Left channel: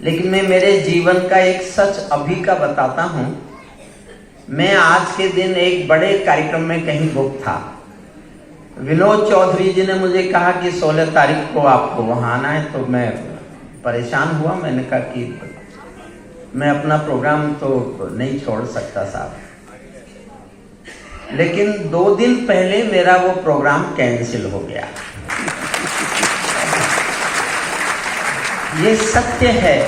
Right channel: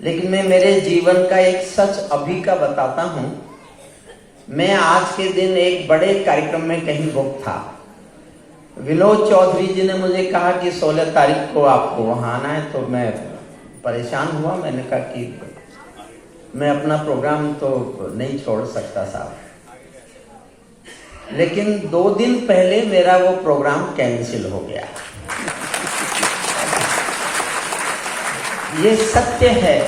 लेकिन मैं मेरे जीवन का एक सच अभी का बताता हूं। मैं आज के दिन एक बड़े कार्यक्रम में कहीं बुक था। विनोद चौधरी जी ने मुझे कहा कि 16 तारीख को आपको वहां आना है, तो मैं परेशान हुआ। मैंने कहा कि मैं अपना प्रोग्राम तो नहीं छोड़ सकता साहब, लेकिन 2 दिन पहले मेरा वो प्रोग्राम कैंसिल हो गया। ये सत्य है।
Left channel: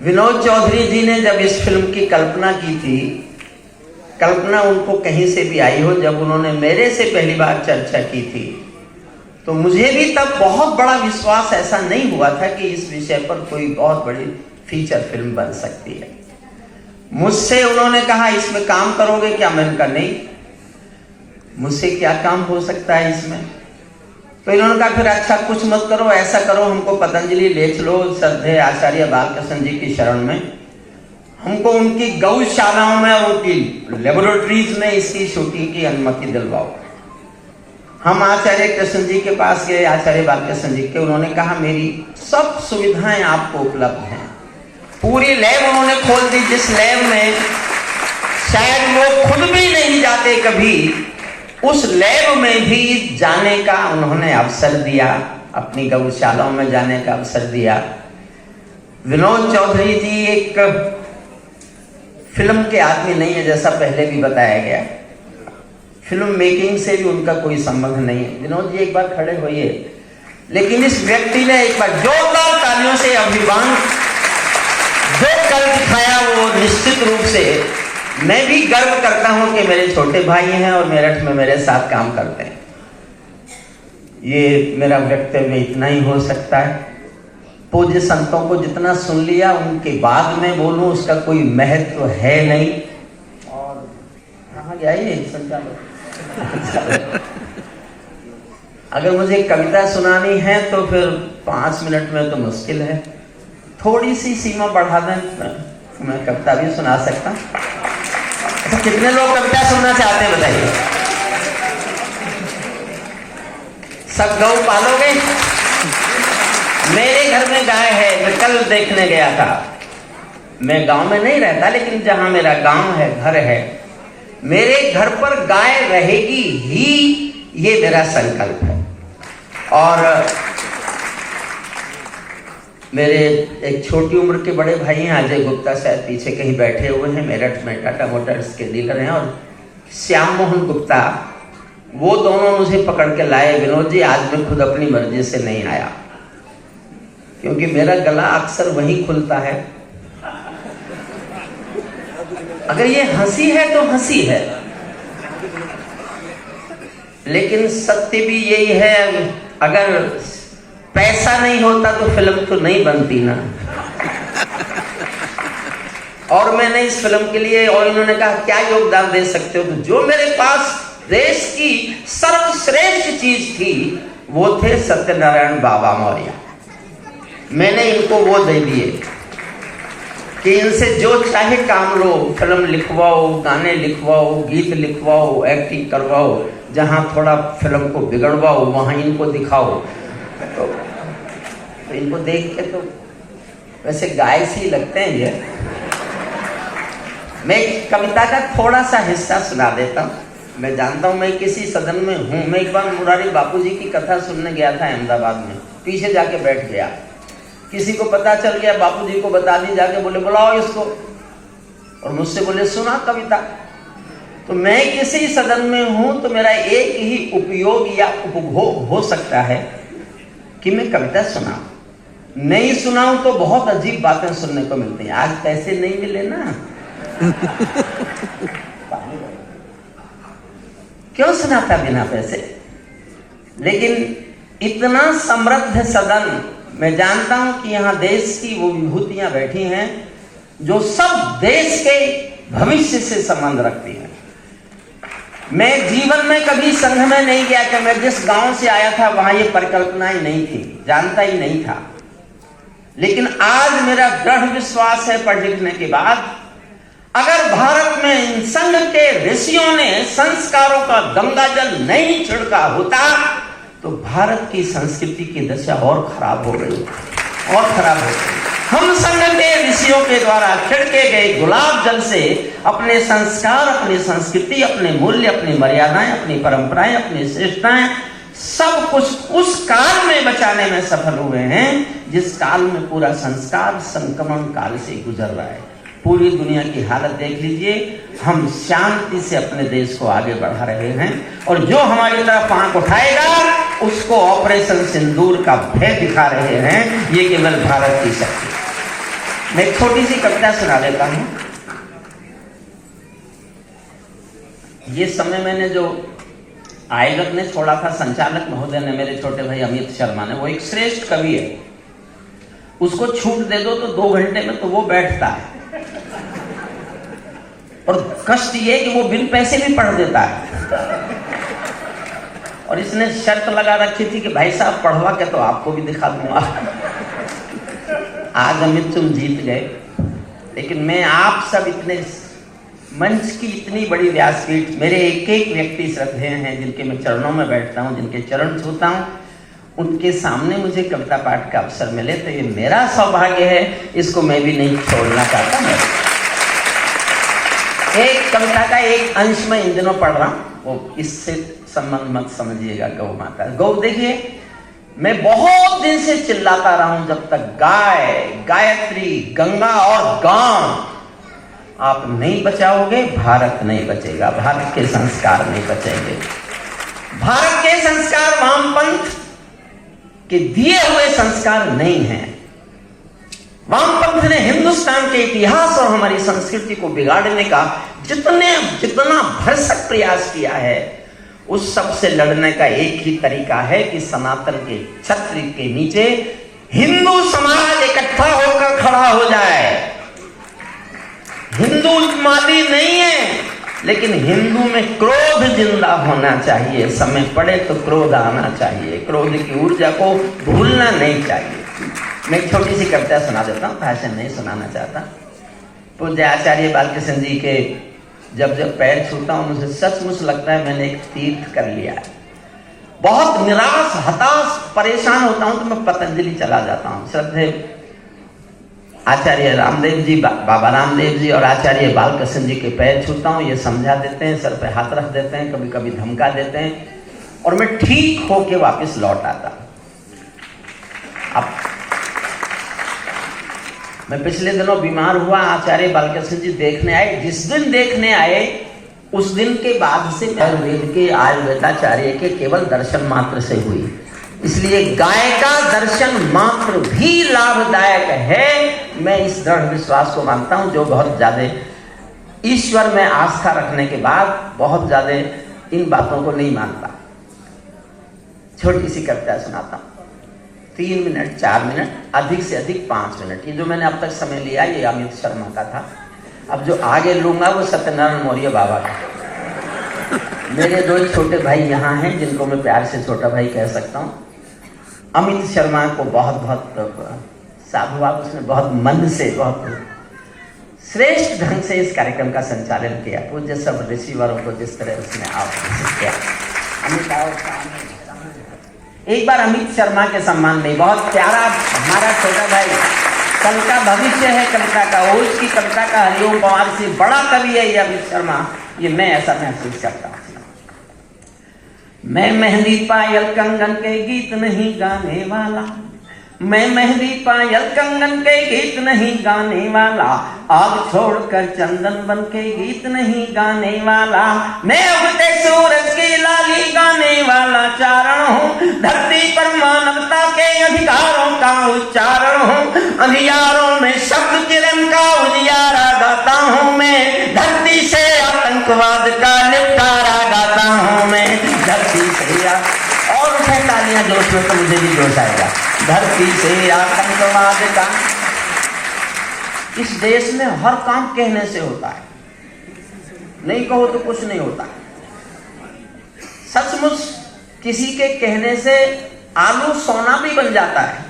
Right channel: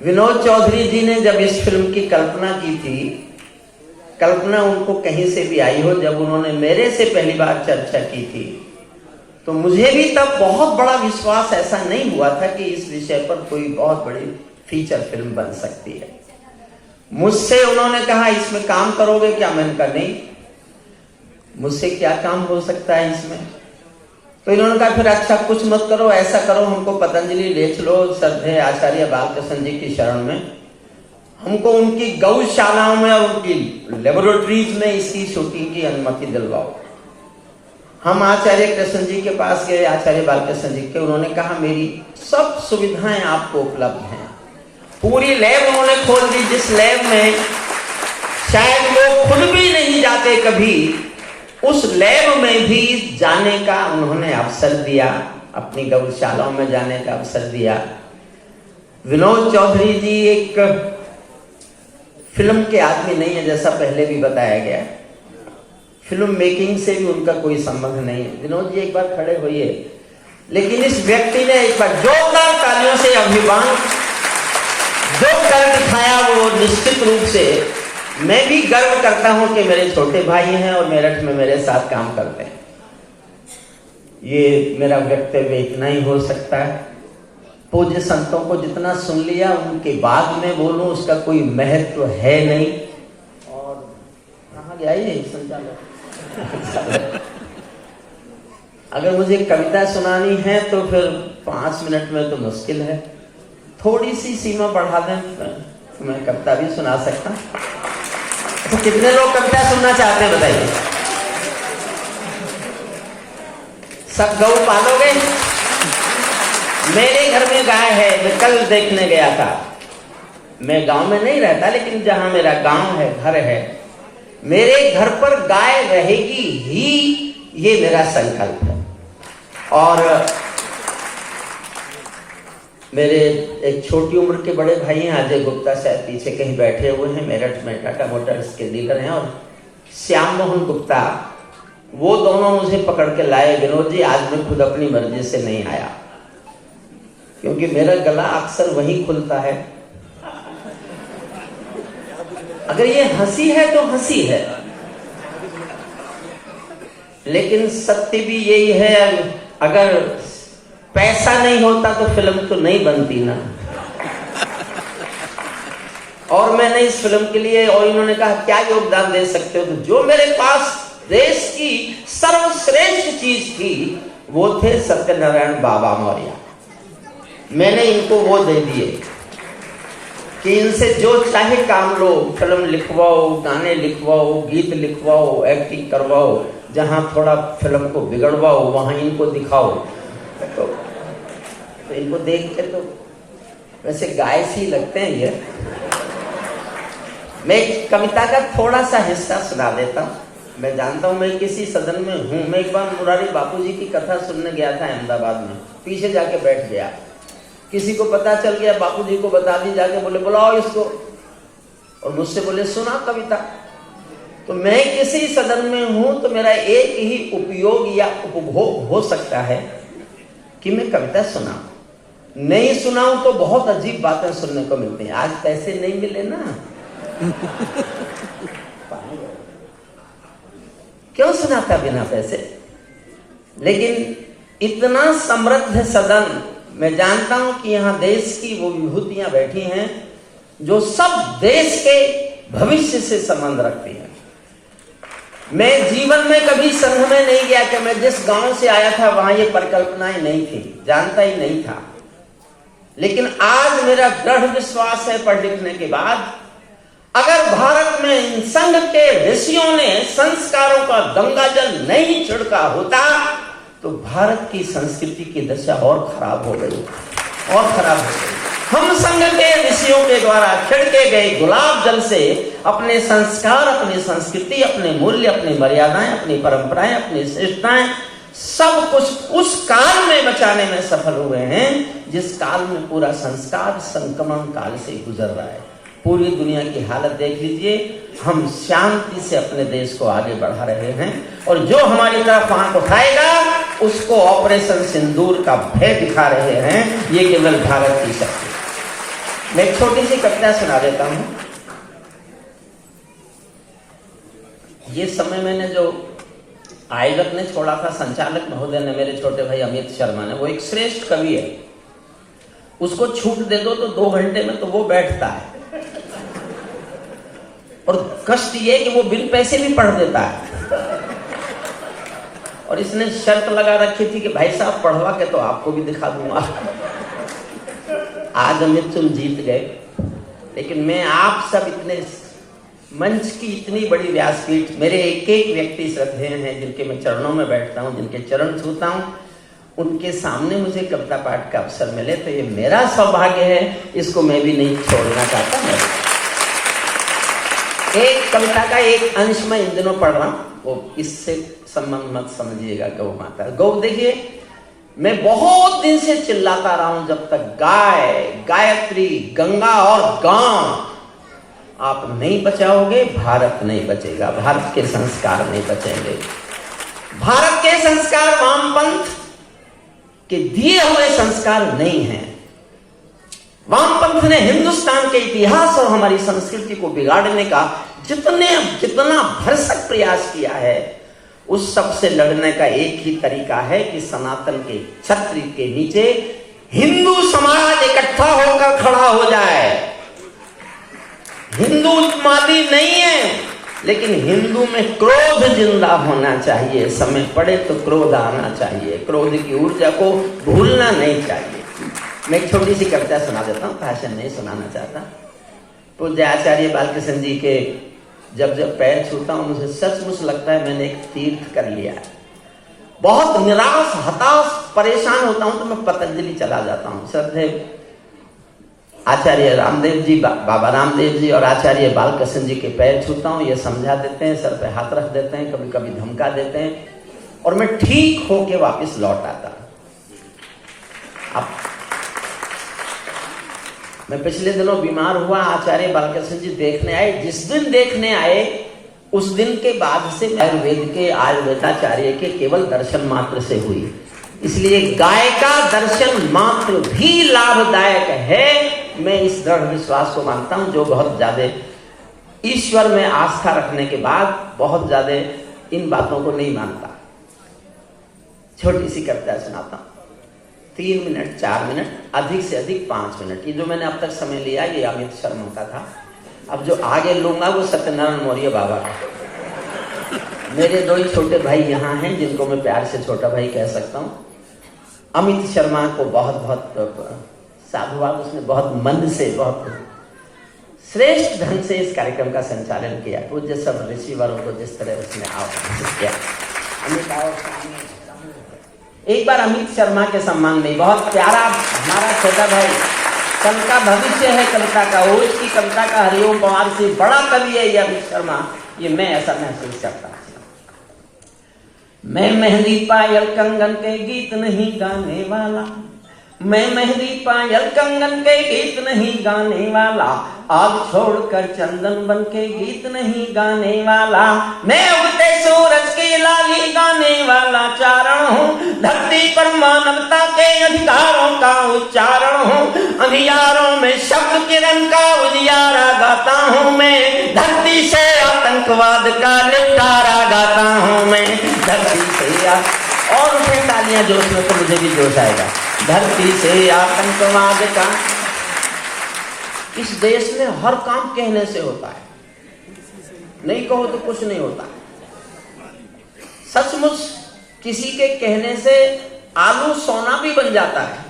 विनोद चौधरी जी ने जब इस फिल्म की कल्पना की थी, कल्पना उनको कहीं से भी आई हो, जब उन्होंने मेरे से पहली बार चर्चा की थी, तो मुझे भी तब बहुत बड़ा विश्वास ऐसा नहीं हुआ था कि इस विषय पर कोई बहुत बड़ी फीचर फिल्म बन सकती है। मुझसे उन्होंने कहा इसमें काम करोगे क्या? मैंने कहा नहीं, मुझसे क्या काम हो सकता है इसमें। तो इन्होंने कहा फिर अच्छा कुछ मत करो, ऐसा करो, हमको पतंजलि ले चलो श्रद्धेय आचार्य बालकृष्ण जी की शरण में, हमको उनकी गौशालाओं में और उनकी लेबोरेटरीज में इसकी शूटिंग की अनुमति दिलवाओ। हम आचार्य कृष्ण जी के पास गए, आचार्य बालकृष्ण जी के। उन्होंने कहा मेरी सब सुविधाएं आपको उपलब्ध हैं। पूरी लैब उन्होंने खोल दी, जिस लैब में शायद लोग खुद भी नहीं जाते कभी, उस लैब में भी जाने का उन्होंने अवसर दिया, अपनी गौशालाओं में जाने का अवसर दिया। विनोद चौधरी जी एक फिल्म के आदमी नहीं है, जैसा पहले भी बताया गया। फिल्म मेकिंग से भी उनका कोई संबंध नहीं है। विनोद जी एक बार खड़े होइए। लेकिन इस व्यक्ति ने एक बार जोरदार तालियों से अभिवादन जो कर दिखाया, वो निश्चित रूप से मैं भी गर्व करता हूं कि मेरे छोटे भाई हैं और मेरठ में मेरे साथ काम करते हैं। ये मेरा वक्तव्य इतना ही हो सकता है। पूज्य संतों को जितना सुन लिया, उनके बाद में बोलूं उसका कोई महत्व है नहीं। और कहाँ गया ये संचालक? अगर मुझे कविता सुनानी है तो फिर 5 मिनट में तो मुश्किल है। थोड़ी सी सीमा बढ़ा दें, मैं कविता भी सुना सकता। तो कितने लोग कविता सुनना चाहते हैं बताइए? सब गौ पालोगे? मेरे घर में गाय है, मैं कल देखने गया था। मैं गांव में नहीं रहता, लेकिन जहां मेरा गांव है, घर है, मेरे घर पर गाय रहेगी ही, ये मेरा संकल्प है। और मेरे एक छोटी उम्र के बड़े भाई हैं, अजय गुप्ता, शायद पीछे कहीं बैठे हुए हैं, मेरठ में टाटा मोटर्स के डीलर हैं, और श्याम मोहन गुप्ता, वो दोनों मुझे पकड़ के लाए, विनोद जी आज मैं खुद अपनी मर्जी से नहीं आया, क्योंकि मेरा गला अक्सर वहीं खुलता है। अगर ये हंसी है तो हंसी है, लेकिन सत्य भी यही है, अगर पैसा नहीं होता तो फिल्म तो नहीं बनती ना। और मैंने इस फिल्म के लिए, और इन्होंने कहा क्या योगदान दे सकते हो? जो मेरे पास देश की सर्वश्रेष्ठ चीज थी वो थे सत्यनारायण बाबा मौर्य। मैंने इनको वो दे दिए कि इनसे जो चाहे काम लो, फिल्म लिखवाओ, गाने लिखवाओ, गीत लिखवाओ, एक्टिंग करवाओ, जहां थोड़ा फिल्म को बिगड़वाओ वहां इनको दिखाओ। तो इनको देख के तो वैसे गाय सी लगते हैं ये। मैं कविता का थोड़ा सा हिस्सा सुना देता हूँ। मैं जानता हूँ मैं किसी सदन में हूँ। मैं एक बार मुरारी बापूजी की कथा सुनने गया था अहमदाबाद में, पीछे जाके बैठ गया। किसी को पता चल गया, बापूजी को बता दी, जाके बोले बुलाओ इसको, और मुझसे बोले सुना कविता। तो मैं किसी सदन में हूं तो मेरा एक ही उपयोग या उपभोग हो सकता है कि मैं कविता सुना। नहीं सुनाऊं तो बहुत अजीब बातें सुनने को मिलती हैं। आज पैसे नहीं मिले ना क्यों सुनाता बिना पैसे? लेकिन इतना समृद्ध सदन, मैं जानता हूं कि यहां देश की वो विभूतियां बैठी हैं जो सब देश के भविष्य से संबंध रखती हैं। मैं जीवन में कभी संघ में नहीं गया कि मैं जिस गांव से आया था वहां ये परिकल्पनाएं नहीं थी, जानता ही नहीं था। लेकिन आज मेरा दृढ़ विश्वास है पढ़ लिखने के बाद, अगर भारत में इन संघ के ऋषियों ने संस्कारों का गंगाजल नहीं छिड़का होता तो भारत की संस्कृति की दशा और खराब हो गई, और खराब हो गई। हम संग के ऋषियों के द्वारा छिड़के गए गुलाब जल से अपने संस्कार, अपनी संस्कृति, अपने मूल्य, अपनी मर्यादाएं, अपनी परंपराएं, अपनी श्रेष्ठताएं सब कुछ उस काल में बचाने में सफल हुए हैं जिस काल में पूरा संस्कार संक्रमण काल से गुजर रहा है। पूरी दुनिया की हालत देख लीजिए, हम शांति से अपने देश को आगे बढ़ा रहे हैं और जो हमारी तरफ आंख उठाएगा उसको ऑपरेशन सिंदूर का भय दिखा रहे हैं। ये केवल भारत की शक्ति। मैं एक छोटी सी कविता सुना देता हूं। ये समय मैंने जो आयोजक ने छोड़ा था, संचालक महोदय ने, मेरे छोटे भाई अमित शर्मा ने, वो एक श्रेष्ठ कवि है, उसको छूट दे दो तो 2 घंटे में तो वो बैठता है और कष्ट ये कि वो बिन पैसे भी पढ़ देता है। और इसने शर्त लगा रखी थी कि भाई साहब पढ़वा के तो आपको भी दिखा दूंगा। आज अमित तुम जीत गए, लेकिन मैं आप सब इतने मंच की इतनी बड़ी व्यासपीठ, मेरे एक एक व्यक्ति श्रद्धेय हैं जिनके मैं चरणों में बैठता हूं, जिनके चरण छूता हूं, उनके सामने मुझे कविता पाठ का अवसर मिले तो ये मेरा सौभाग्य है, इसको मैं भी नहीं छोड़ना चाहता हूं। एक कविता का एक अंश में इन दिनों पढ़ रहा हूं, वो इससे संबंध मत समझिएगा। गौ माता, गौ देखिए, मैं बहुत दिन से चिल्लाता रहा हूं जब तक गाय, गायत्री, गंगा और गांव आप नहीं बचाओगे भारत नहीं बचेगा, भारत के संस्कार नहीं बचेंगे। भारत के संस्कार वामपंथ के दिए हुए संस्कार नहीं हैं। वामपंथ ने हिंदुस्तान के इतिहास और हमारी संस्कृति को बिगाड़ने का जितना भरसक प्रयास किया है, उस सब से लड़ने का एक ही तरीका है कि सनातन के छत्र के नीचे हिंदू समाज इकट्ठा होकर खड़ा हो जाए। हिंदू मादी नहीं है, लेकिन हिंदू में क्रोध जिंदा होना चाहिए। समय पड़े तो क्रोध आना चाहिए, क्रोध की ऊर्जा को भूलना नहीं चाहिए। मैं एक छोटी सी कविता सुना देता हूँ, भाषण नहीं सुनाना चाहता। पूज्य आचार्य बालकृष्ण जी के जब जब पैर छूता हूँ मुझे सचमुच लगता है मैंने एक तीर्थ कर लिया है। बहुत निराश, हताश, परेशान होता हूँ तो मैं पतंजलि चला जाता हूँ। श्रद्धेय आचार्य रामदेव जी, बाबा रामदेव जी और आचार्य बालकृष्ण जी के पैर छूता हूँ। ये समझा देते हैं, सर पे हाथ रख देते हैं, कभी कभी धमका देते हैं और मैं ठीक होके वापस लौट आता हूँ। अब मैं पिछले दिनों बीमार हुआ, आचार्य बालकृष्ण जी देखने आए। जिस दिन देखने आए उस दिन के बाद से आयुर्वेद के आयुर्वेदाचार्य के केवल दर्शन मात्र से हुई। इसलिए गाय का दर्शन मात्र भी लाभदायक है। मैं इस दृढ़ विश्वास को मानता हूं, जो बहुत ज्यादा ईश्वर में आस्था रखने के बाद बहुत ज्यादा इन बातों को नहीं मानता। छोटी सी कविता सुनाता हूं, 3 मिनट, 4 मिनट, अधिक से अधिक 5 मिनट। ये जो मैंने अब तक समय लिया ये अमित शर्मा का था। अब जो आगे लूंगा वो सत्यनारायण मौर्य बाबा का। मेरे 2 छोटे भाई यहाँ हैं जिनको मैं प्यार से छोटा भाई कह सकता हूँ। अमित शर्मा को बहुत बहुत साधुवाद, उसने बहुत मन से, बहुत श्रेष्ठ ढंग से इस कार्यक्रम का संचालन किया। पूज्य सब ऋषिवरों को जिस तरह उसने आह्वान किया। अमित और एक बार अमित शर्मा के सम्मान में, बहुत प्यारा हमारा छोटा भाई, कल का भविष्य है कविता का, उसकी कविता का हरिओम पवार से बड़ा कवि है ये अमित शर्मा। ये मैं ऐसा महसूस करता हूँ। मैं मेहंदी पायल कंगन के गीत नहीं गाने वाला, मैं मेहंदी पायल कंगन के गीत नहीं गाने वाला, आग छोड़कर चंदन बन के गीत नहीं गाने वाला, मैं उगते सूरज की लाली गाने वाला चारण हूँ, धरती पर मानवता के अधिकारों का उच्चारण हूँ, अंधियारों में शब्द किरण का उजियारा गाता हूँ मैं, धरती से आतंकवाद का निपटारा गाता हूँ मैं, धरती से और उठे तालियां जोश में तो मुझे भी जोश आएगा। धरती से आतंकवाद का, इस देश में हर काम कहने से होता है, नहीं कहो तो कुछ नहीं होता। सचमुच किसी के कहने से आलू सोना भी बन जाता है।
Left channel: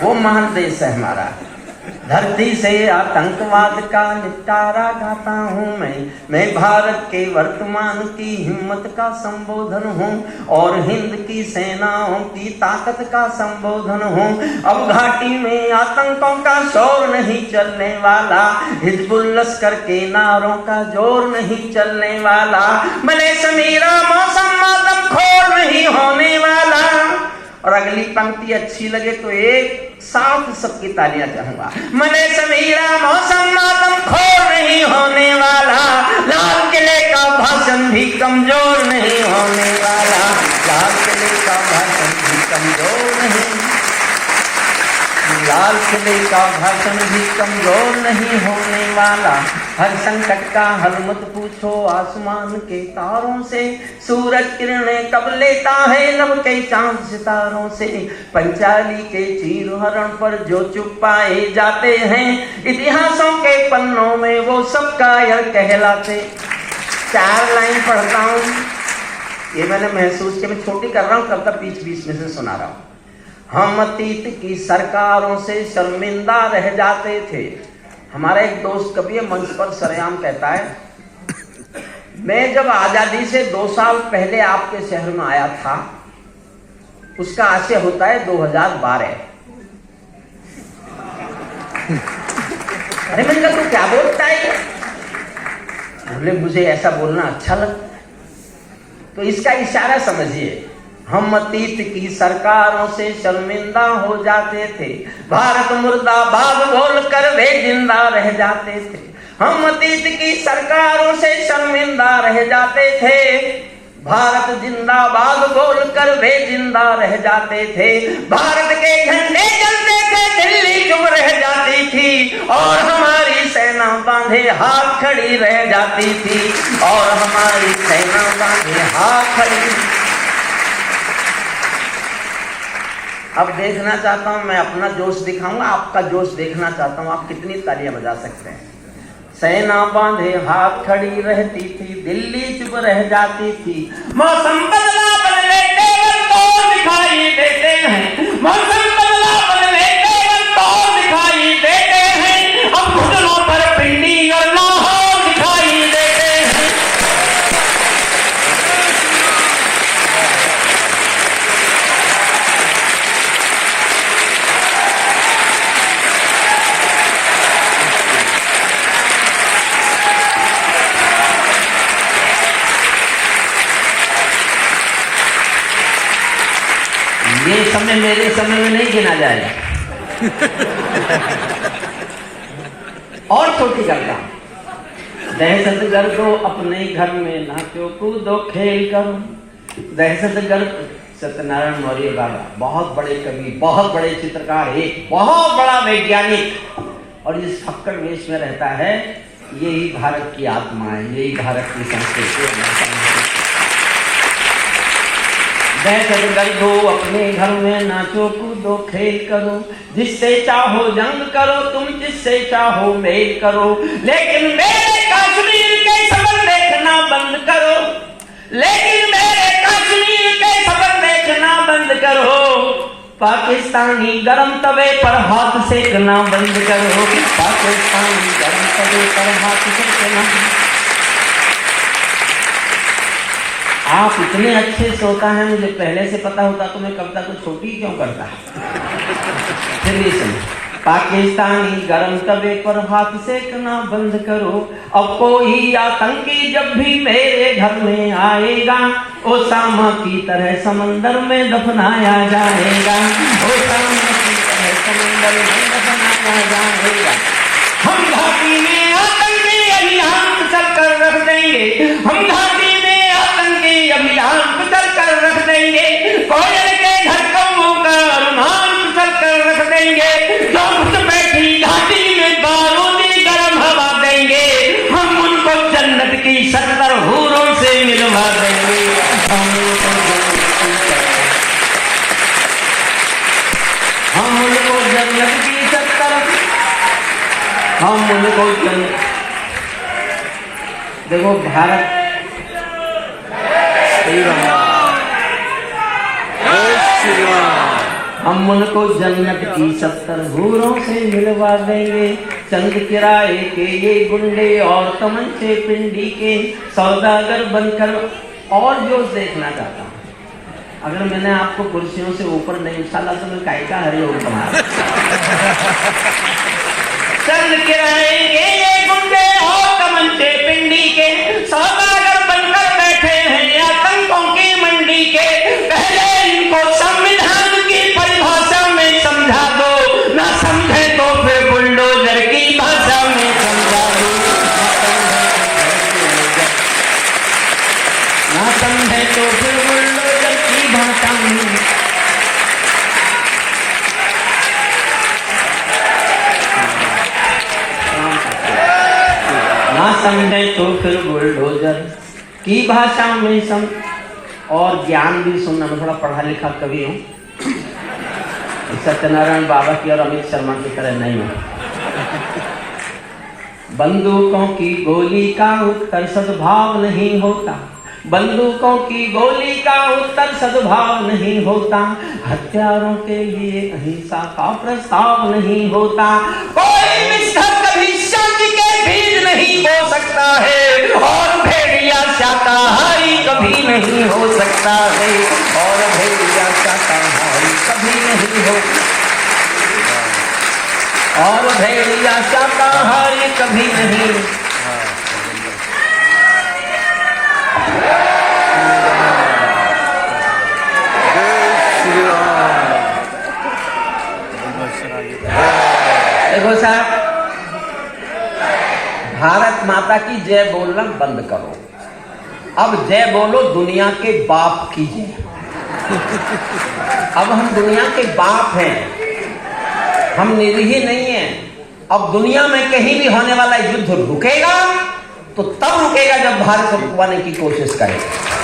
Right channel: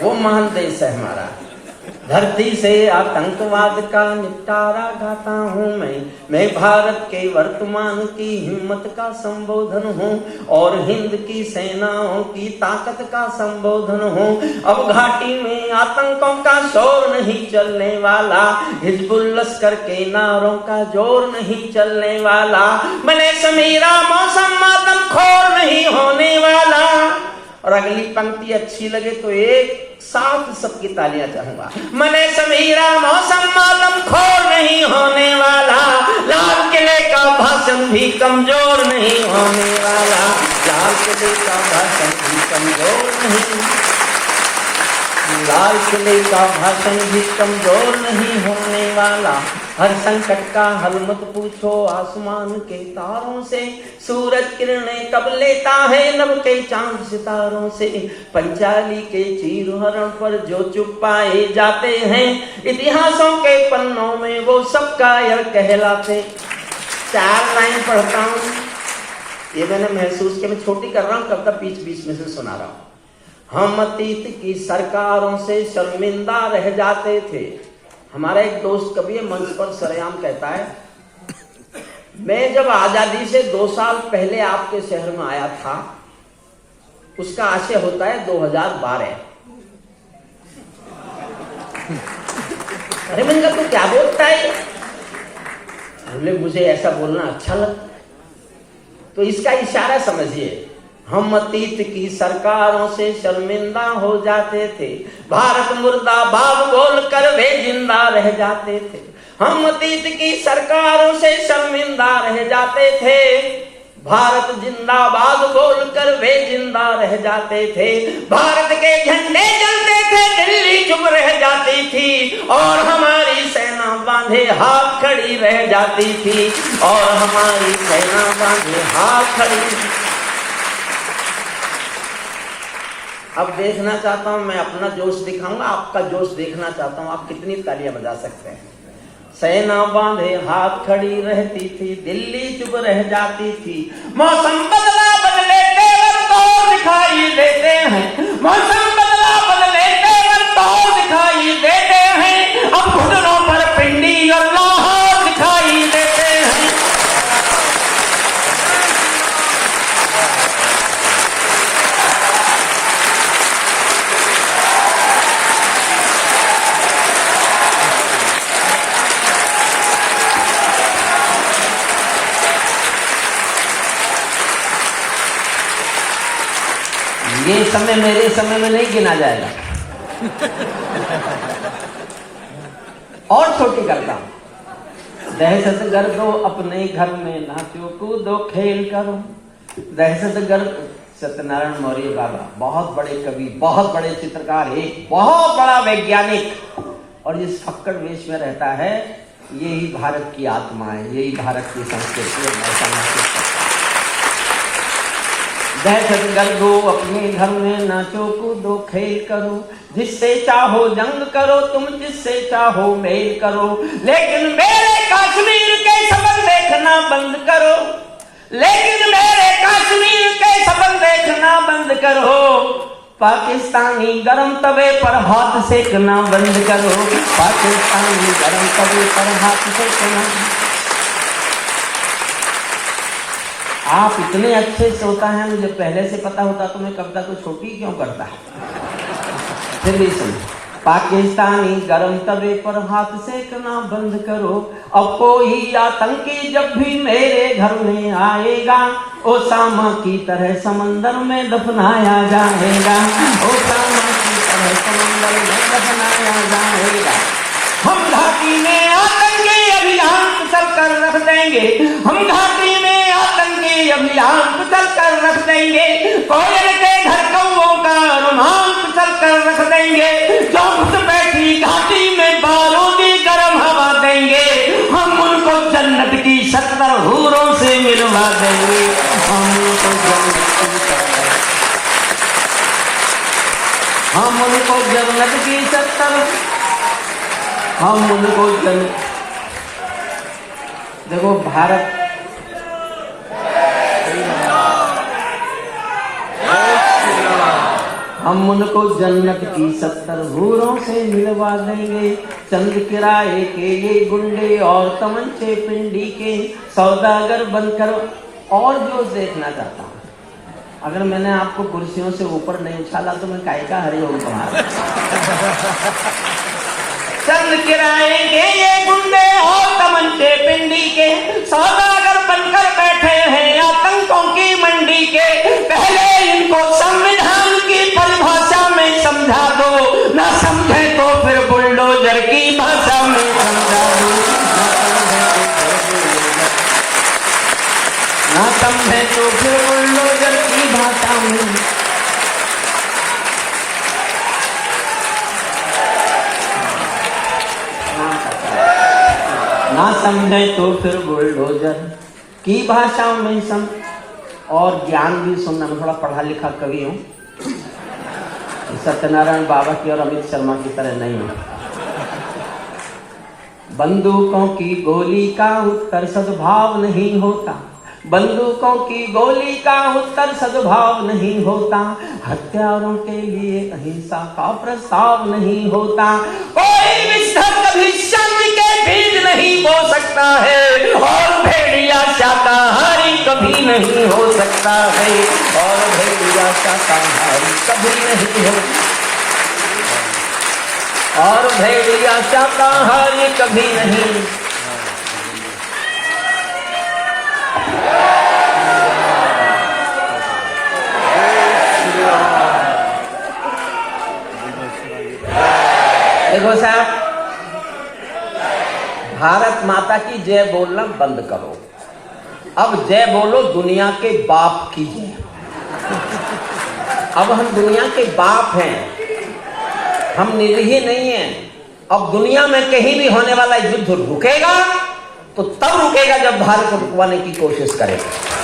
वो महान देश है हमारा। धरती से आतंकवाद का निपटारा गाता हूँ मैं भारत के वर्तमान की हिम्मत का संबोधन हूँ और हिंद की सेनाओं की ताकत का संबोधन हूँ। अब घाटी में आतंकों का शोर नहीं चलने वाला, हिजबुल लश्कर के नारों का जोर नहीं चलने वाला, बने समीरा मौसम मातम खोर नहीं होने वाला। और अगली पंक्ति अच्छी लगे तो एक साथ सबकी तालियां चाहूंगा। मने समीरा मौसम मातम खोर नहीं होने वाला, लाल किले का भाषण भी कमजोर नहीं होने वाला, लाल किले का भाषण भी कमजोर नहीं, लाल किले का भाषण भी कमजोर नहीं होने वाला। हर संकट का हल मत पूछो आसमान के तारों से, सूरज किरणें कब लेता है लब के चांद सितारों से। पंचाली के चीर हरण पर जो चुप पाए जाते हैं, इतिहासों के पन्नों में वो सब कायर कहलाते। 4 लाइन पढ़ता हूँ, ये मैंने महसूस किया, मैं छोटी कर रहा हूँ, कब तक बीच में से सुना रहा हूँ। हम अतीत की सरकारों से शर्मिंदा रह जाते थे। हमारा एक दोस्त कभी मंच पर सरेआम कहता है, मैं जब आजादी से 2 साल पहले आपके शहर में आया था, उसका आशय होता है 2012। अरे मैंने कहा तो क्या बोलता है? बोले मुझे ऐसा बोलना अच्छा लगता। तो इसका इशारा समझिए, हम अतीत की सरकारों से शर्मिंदा हो जाते थे, भारत मुर्दाबाद बोलकर वे जिंदा रह जाते थे। हम अतीत की सरकारों से शर्मिंदा रह जाते थे, भारत जिंदाबाद बोलकर वे जिंदा रह जाते थे। भारत के झंडे जलते थे, दिल्ली चुप रह जाती थी और हमारी सेना बांधे हाथ खड़ी रह जाती थी, और हमारी सेना बांधे हाथ खड़ी। अब देखना चाहता हूं, मैं अपना जोश दिखाऊंगा, आपका जोश देखना चाहता हूं, आप कितनी तालियां बजा सकते हैं। सेना बांधे हाथ खड़ी रहती थी, दिल्ली चुप रह जाती थी, मौसम बदला बदले तेवर तो दिखाई देते हैं, मौसम बदला बदले तेवर तो दिखाई देते हैं, अब घुटनों पर पिंडी अल्लाह दिखाई देते हैं। ये समय मेरे समय में नहीं गिना जाएगा। और छोटी करता हूं, दहशत गर्दो अपने घर में नाचो कूदो खेल करो। दहशत गर्द सत्यनारायण मौर्य बाबा बहुत बड़े कवि, बहुत बड़े चित्रकार, एक बहुत बड़ा वैज्ञानिक, और जिस फक्कड़ वेश में रहता है, यही भारत की आत्मा है, यही भारत की संस्कृति। दहशत गर्दो अपने घर में नाचो कूदो खेल करो, जिससे चाहो जंग करो तुम, जिससे चाहो मेल करो, लेकिन मेरे कश्मीर के सफर देखना बंद करो, लेकिन मेरे कश्मीर के सफर देखना बंद करो। पाकिस्तानी गरम तवे पर हाथ सेकना बंद करो, पाकिस्तानी गरम तवे पर हाथ सेकना। आप इतने अच्छे श्रोता हैं, मुझे पहले से पता होता तो मैं कविता को छोटी क्यों करता। फिर सुन, पाकिस्तानी गरम तवे पर हाथ सेकना बंद करो, अब कोई आतंकी जब भी मेरे घर में आएगा, ओसामा की तरह समंदर में दफनाया जाएगा, ओसामा की तरह समंदर में दफनाया जाएगा। हम घाटी में आतंकी अभियान चल कर रख देंगे, हम घाटी में आतंकी अभियान चल कर रख देंगे, कोयल के घर कौओं का अनुमान चल कर रख देंगे, जो उस बैठी घाटी में बारूदी गर्म हवा देंगे, हम उनको जन्नत की 70 हूरों से मिलवा देंगे, हम उनको जन्नत की 70, हम उनको जन्नत। देखो भारत हम हम उनको जन्नत की 70 हूरों से मिलवा देंगे। चंद किराए के ये गुंडे और तमंचे पिंडी के सौदागर बनकर। और जो देखना चाहता हूँ, अगर मैंने आपको कुर्सियों से ऊपर नहीं उछाला तो मैं काय का हरे होता। चंद किराए के ये गुंडे और तमंचे पिंडी के सौदागर बनकर बैठे हैं आतंकों की मंडी के। पहले इनको संविधान की परिभाषा में समझा दो, ना समझे तो फिर बुलडोजर की भाषा में समझा दो, ना समझे तो फिर बुलडोजर की भाषा में। ना समझे तो फिर बुलडोजर की भाषा में सम। और ज्ञान भी सुनना, थोड़ा पढ़ा लिखा कवि हूँ, सत्यनारायण बाबा की और अमित शर्मा की तरह नहीं हूँ। बंदूकों की गोली का उत्तर सद्भाव नहीं होता, बंदूकों की गोली का उत्तर सद्भाव नहीं होता, हथियारों के लिए अहिंसा का प्रस्ताव नहीं होता। कोई मिस्टर कभी शांति के बीज नहीं हो सकता है, और भेड़िया शाकाहारी कभी नहीं हो सकता है, और भेड़िया शाकाहारी कभी नहीं हो, और भेड़िया शाकाहारी कभी नहीं। देखो साहब, भारत माता की जय बोलना बंद करो, अब जय बोलो दुनिया के बाप की जय। अब हम दुनिया के बाप हैं, हम निरीह नहीं हैं। अब दुनिया में कहीं भी होने वाला युद्ध रुकेगा तो तब रुकेगा जब भारत को रुकवाने की कोशिश करेगा।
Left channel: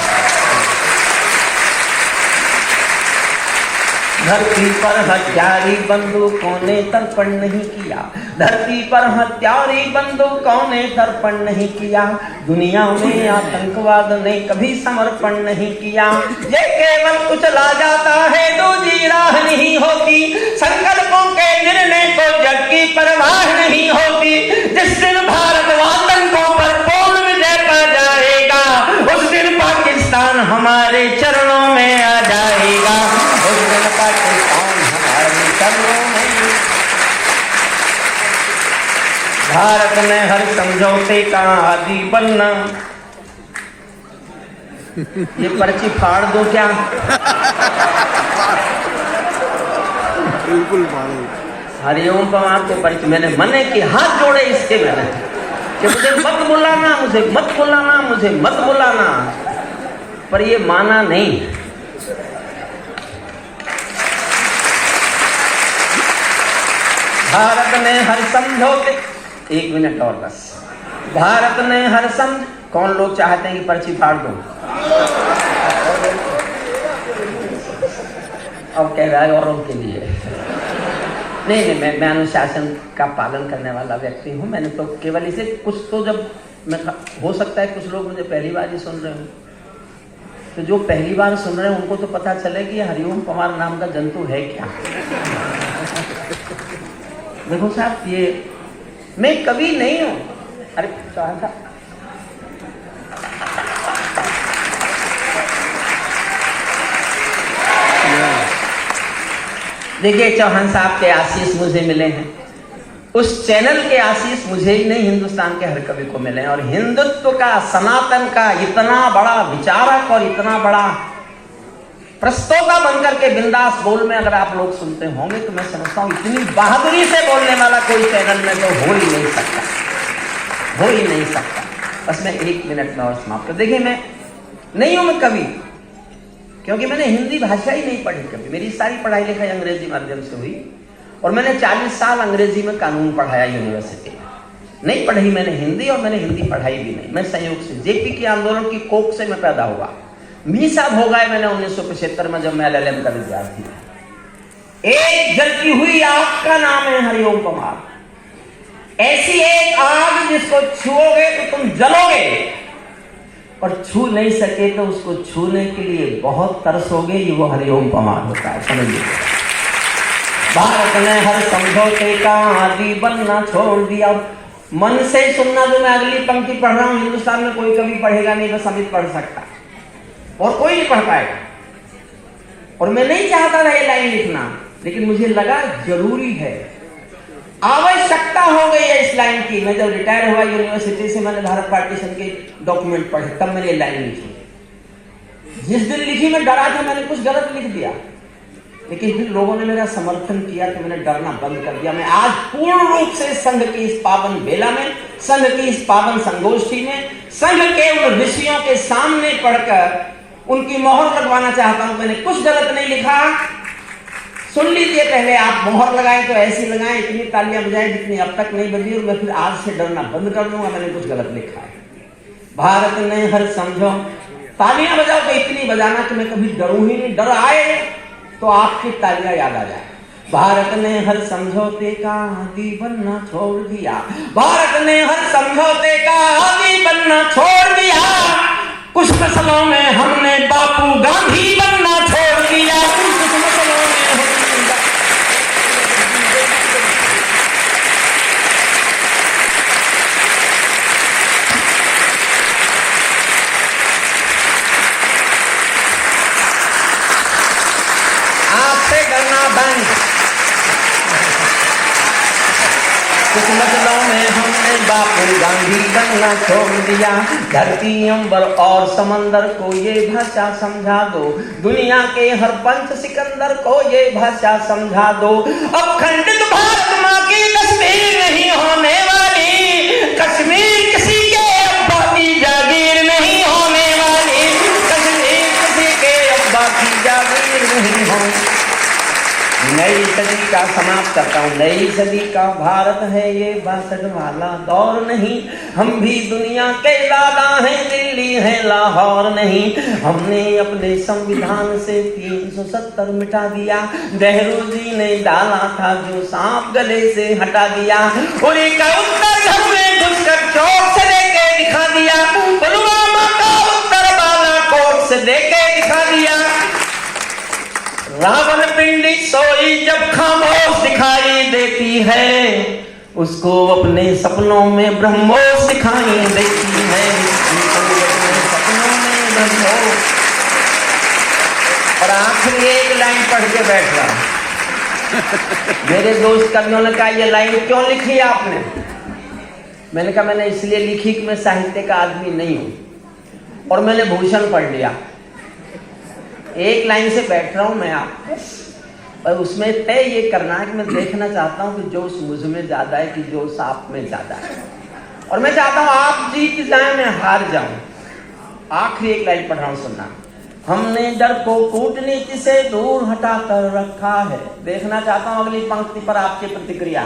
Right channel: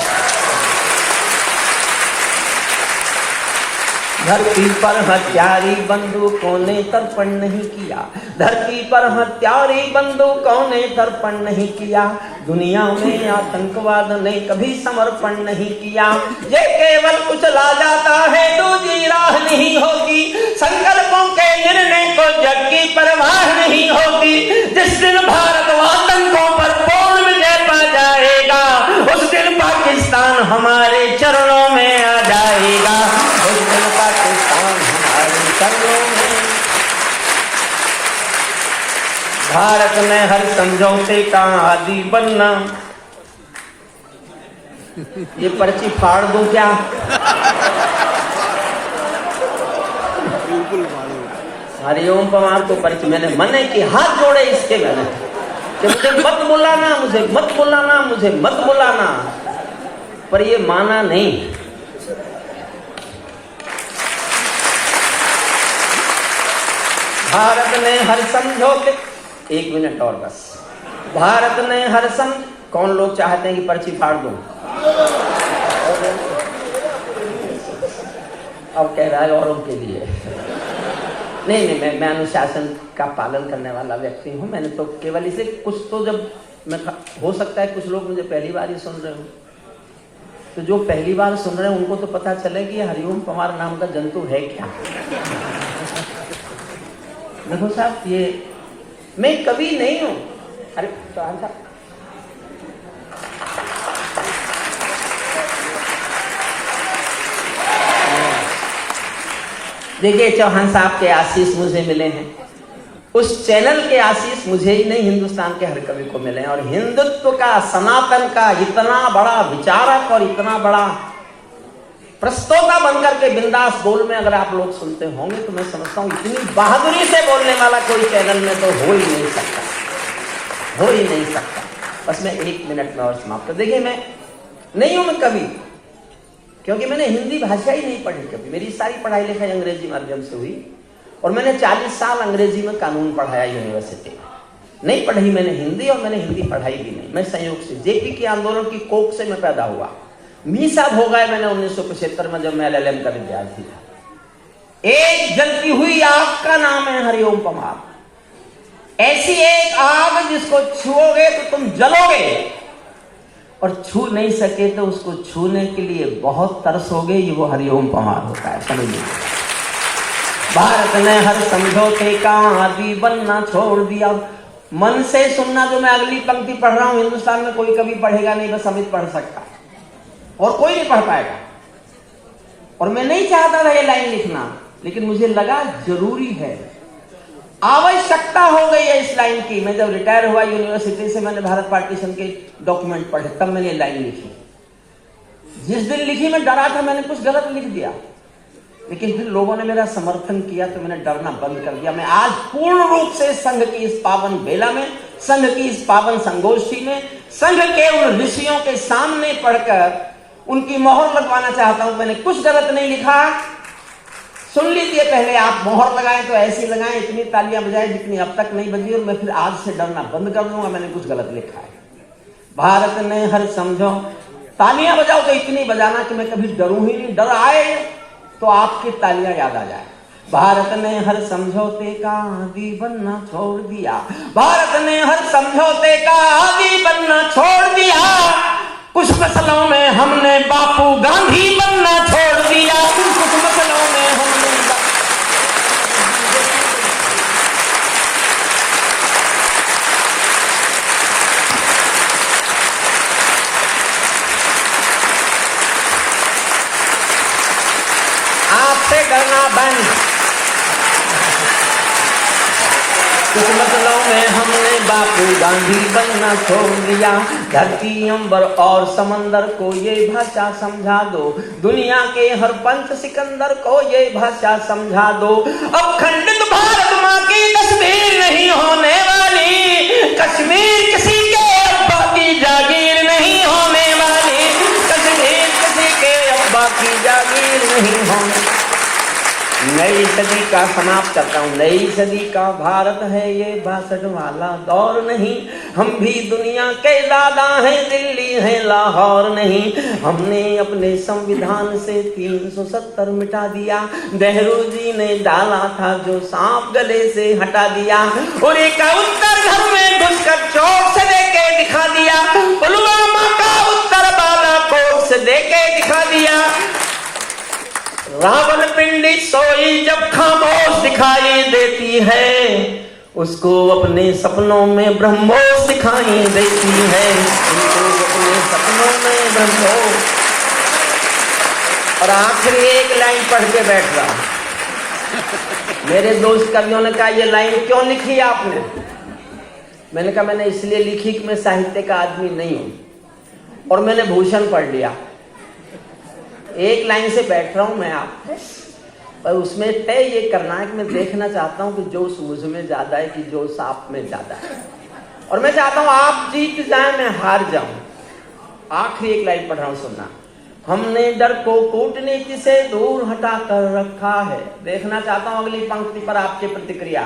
धरती पर हत्यारी बंदूकों ने तर्पण नहीं किया, धरती पर हत्यारी बंदूकों ने तर्पण नहीं किया, दुनिया में आतंकवाद ने कभी समर्पण नहीं किया। ये केवल कुचला जाता है, दूसरी राह नहीं होती, संकल्पों के निर्णय को जग की परवाह नहीं होती। जिस दिन भारत आतंकों पर पूर्ण विजय पा जाएगा, उस दिन पाकिस्तान हमारे चरणों में आ जाएगा। भारत में हर समझौते का आदि बनना। ये पर्ची फाड़ दो क्या? बिल्कुल हरिओम पवार को पर्ची मैंने मने कि हाथ जोड़े इसके मैंने कि मुझे मत बुलाना, मुझे मत बुलाना, मुझे मत बुलाना, पर ये माना नहीं। भारत ने हर समझौते, 1 मिनट और बस, भारत ने हर कौन लोग चाहते हैं कि पर्ची फाड़ दो? अब कह रहा है औरों के लिए। नहीं, मैं अनुशासन का पालन करने वाला व्यक्ति हूँ। मैंने तो केवल इसे कुछ तो जब मैं, हो सकता है कुछ लोग मुझे पहली बार ही सुन रहे हो, तो जो पहली बार सुन रहे हैं उनको तो पता चले कि हरिओम पवार नाम का जंतु है क्या। देखो साहब, ये मैं कभी नहीं हूं। अरे चौहान साहब, देखिए, चौहान साहब के आशीष मुझे मिले हैं, उस चैनल के आशीष मुझे ही नहीं हिंदुस्तान के हर कवि को मिले हैं। और हिंदुत्व का, सनातन का इतना बड़ा विचारक और इतना बड़ा प्रस्तोता बनकर के बिंदास बोल में अगर आप लोग सुनते होंगे तो मैं समझता हूं इतनी बहादुरी से बोलने वाला कोई चैनल में तो हो ही नहीं सकता, हो ही नहीं सकता। बस मैं 1 मिनट में और समाप्त कर। देखिए, मैं नहीं हूं कवि, क्योंकि मैंने हिंदी भाषा ही नहीं पढ़ी कभी। मेरी सारी पढ़ाई लिखाई अंग्रेजी माध्यम से हुई, और मैंने 40 साल अंग्रेजी में कानून पढ़ाया यूनिवर्सिटी में। नहीं पढ़ी मैंने हिंदी, और मैंने हिंदी पढ़ाई भी नहीं। मैं संयोग से जेपी के आंदोलन की कोख से मैं पैदा हुआ। मीसा भोगा मैंने 1975 में, जब मैं LLM का विद्यार्थी था। एक जलती हुई आग का नाम है हरिओम पवार। ऐसी एक आग जिसको छुओगे तो तुम जलोगे, और छू नहीं सके तो उसको छूने के लिए बहुत तरसोगे। ये वो हरिओम पवार होता है, समझ लीजिए। भारत ने हर समझौते का आदि बनना छोड़ दिया। मन से सुनना। जो मैं अगली पंक्ति पढ़ रहा हूं, हिंदुस्तान में कोई कभी पढ़ेगा नहीं, बस अमित पढ़ सकता और कोई नहीं पढ़ पाएगा। और मैं नहीं चाहता था ये लाइन लिखना, लेकिन मुझे लगा जरूरी है, आवश्यकता हो गई है इस लाइन की। मैं जब रिटायर हुआ यूनिवर्सिटी से, मैंने भारत पार्टीशन के डॉक्यूमेंट पढ़े, तब मैंने ये लाइन लिखी। जिस दिन लिखी मैं डरा था, मैंने कुछ गलत लिख दिया, लेकिन फिर लोगों ने मेरा समर्थन किया तो मैंने डरना बंद कर दिया। मैं आज पूर्ण रूप से संघ की इस पावन बेला में, संघ की इस पावन संगोष्ठी में, संघ के उन ऋषियों के सामने पढ़कर उनकी मोहर लगवाना चाहता हूं। मैंने कुछ गलत नहीं लिखा, सुन लीजिए। पहले आप मोहर लगाएं तो ऐसी लगाएं, इतनी तालियां बजाएं जितनी अब तक नहीं बजी, और मैं फिर आज से डरना बंद कर दूंगा, मैंने कुछ गलत लिखा है। भारत ने हर समझो, तालियां बजाओ तो इतनी बजाना कि मैं कभी डरूं ही नहीं, डर आए तो आपकी तालियां याद आ जाए। भारत ने हर समझौते का आदि बनना छोड़ दिया। भारत ने हर समझौते का आदि बनना छोड़ दिया। कुछ मसलों में हमने बापू गांधी बनना छोड़ दिया। कुछ मसलों में हमने बापू गांधी बनना छोड़ दिया। धरती अंबर और समंदर को ये भाषा समझा दो, दुनिया के हर पंच सिकंदर को ये भाषा समझा दो। अब खंडित भारत मां की तस्वीर नहीं होने वाली, कश्मीर किसी के अब्बा की जागीर नहीं होने वाली, कश्मीर किसी के अब्बा की जागीर नहीं होने। नई सदी का समाप्त करता हूँ। नई सदी का भारत है ये 62 वाला दौर नहीं। हम भी दुनिया के दादा हैं, दिल्ली है लाहौर नहीं। हमने अपने संविधान से 370 मिटा दिया। नेहरू जी ने डाला था जो सांप गले से हटा दिया। और एक उत्तर हमने घुसकर चौक से देके दिखा दिया। पुलवामा का उत्तर बालाकोट से देके दिखा दिया। रावण पिंडी सोई जब खामोश दिखाई देती है, उसको अपने सपनों में ब्रह्मोस दिखाई देती है। अपने सपनों में ब्रह्मोस। और आखिरी एक लाइन पढ़ के बैठ रहा। मेरे दोस्त कवियों ने कहा ये लाइन क्यों लिखी आपने? मैंने कहा मैंने इसलिए लिखी कि मैं साहित्य का आदमी नहीं हूं, और मैंने भूषण पढ़ लिया। एक लाइन से बैठ रहा हूं मैं आप, और उसमें तय ये करना है कि मैं देखना चाहता हूं कि जोश मुझ में ज्यादा है कि जोश आप में ज्यादा है। और मैं चाहता हूं आप जीत जाए, मैं हार जाऊं। आखिरी एक लाइन पढ़ रहा हूं, सुनना। हमने डर को कूटनीति से दूर हटा कर रखा है। देखना चाहता हूं अगली पंक्ति पर आपकी प्रतिक्रिया।